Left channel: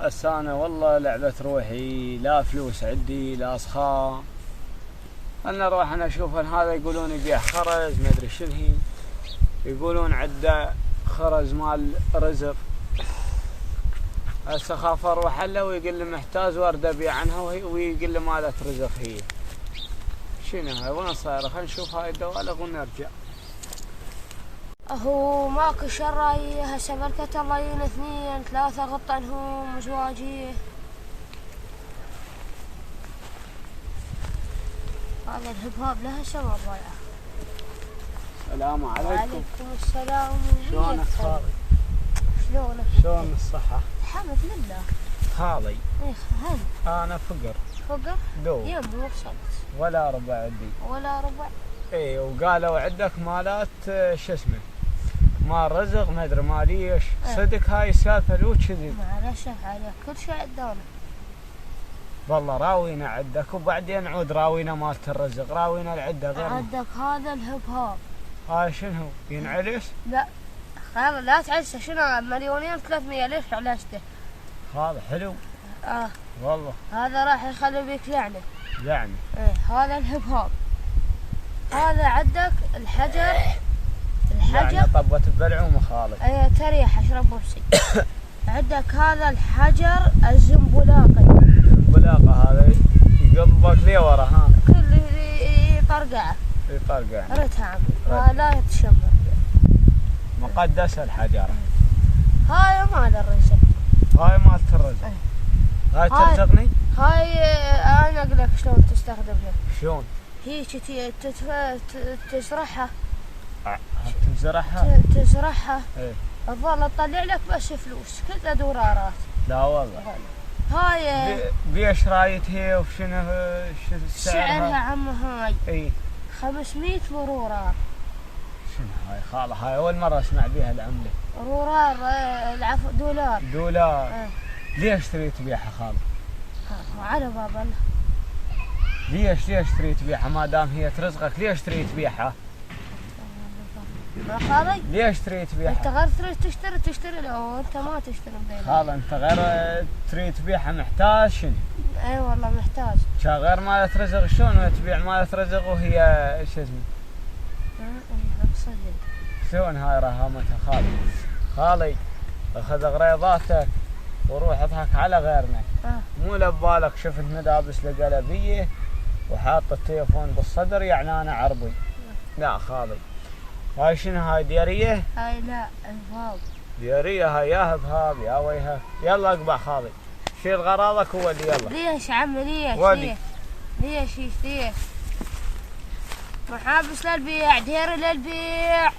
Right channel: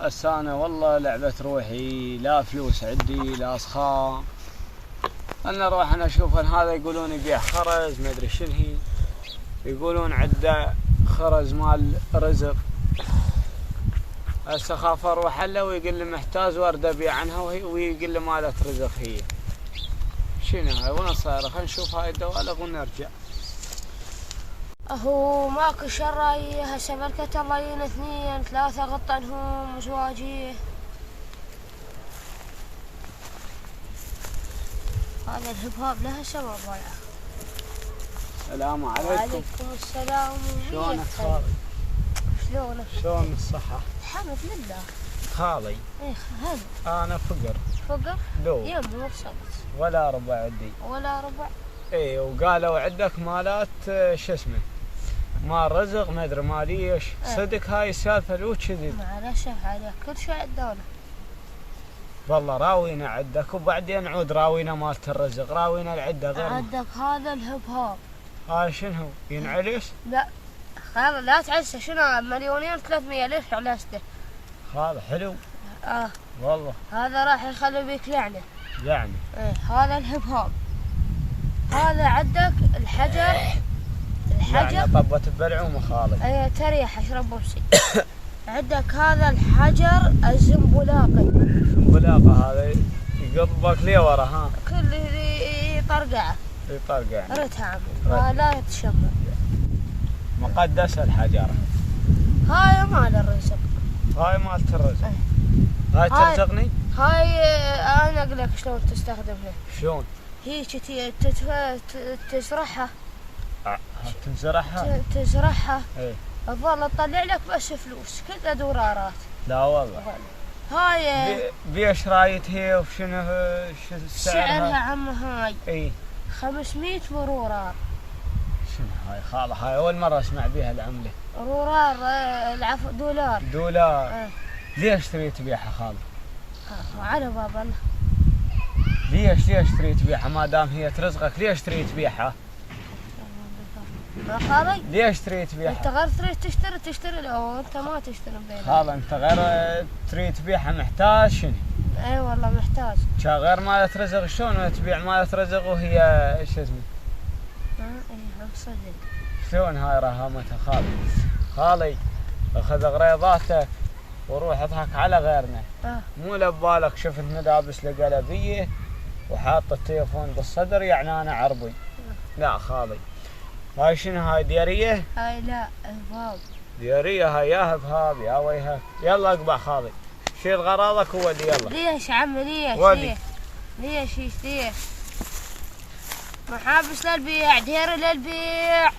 هسه أنا والله لعبة روحي، لا فلوس عندي لا أصخام. أنا أروح أنا أشوف هذا يقولون يبيع خرز ما أدري شنو هي، يقولون عنده خرز مال رزق. هسه خاف أروح له ويقول لي محتاج وارد أبيع عنها ويقول لي مالت رزق هي. شنو هاي وين صايرة؟ خلينا نشوف هاي الدوالغ ونرجع. هو ماكو شراي هسه بركة الله ين 2 3 غطنهم زواجيه. هذا الهبهاب له هسه ما ضايعه. السلام عليكم. وعليكم السلام. شلونك خالي؟ شلونك؟ شلون الصحة؟ الحمد لله. خالي اي هل أنا فقر. فقر؟ لو يم وصلت. ولا ربع عندي. ولا ربع؟ اي وقالوا عندك مالات شو اسمه مال رزق ما ادري ماليش. صدق هاي السالفة لو كذب؟ معلش عليك كل شيء عندنا. والله راوينا عندك وبعدين عود راوينا مالت الرزق، راوينا العدة غير. عندك هذا الهبهاب. هاي شنو ينعلش؟ لا خلاص لا تعسه. شنو 2,300,000 ليش علاجته؟ هذا حلو. والله هذا راح يخلي بيك لعنة. يعني هذا الهبهاب. هذا عندك الحجر. يعني طبت ببلعومه خالي. اي تريح اشرب بوسي. عندك هذا الحجر الزنبلاقي. الزنبلاقة هذا يقضبك ليه ورا ها؟ كل يطرقعه. يطرقع. ريتها عمي لا يتشمع. مقدس الحجرة. هاي مال الرزق. هاي مالت الرزق. هاي ترزقني؟ هاي انا اقول لك شلون تستخدمها. شلون؟ هي كذي تزرعها. تزرعها. ايه. تظل تطلع لك بس فلوس كذا دولارات. لا والله. هاي بيش رايت هي وشنو سعرها عم هاي؟ اي 500 مرورار. شنو هاي خاله؟ هاي اول مرة اسمع بيها العملة. مرورار العفو دولار. ليش تريد تبيعها خاله؟ على باب الله. ليش تريد تبيعها ما دام هي ترزقك؟ ليش تريد تبيعها؟ خالي ليش تريد تبيعها؟ انت غير تريد تشتري لو انت ما تشتري بينك. خاله انت غير تريد تبيعها محتاج شنو؟ اي والله محتاج. غير مالت رزق شلون تبيع مالت رزق وهي شو اسمه؟ اي صدق. شلون هاي رهامتها خالي اخذ غريضاتك وروح اضحك على غيرنا. مو لبالك شفت ملابس القلبيه وحاط التليفون بالصدر يعني انا عربي. لا خالي هاي شنو هاي دياريه؟ هاي لا هبهاب. دياريه هاي يا هبهاب يا ويهك. يلا اقبع خالي شيل غراضك وودي يلا. ليش عمي ليش؟ ليش محابس للبيع ديري للبيع.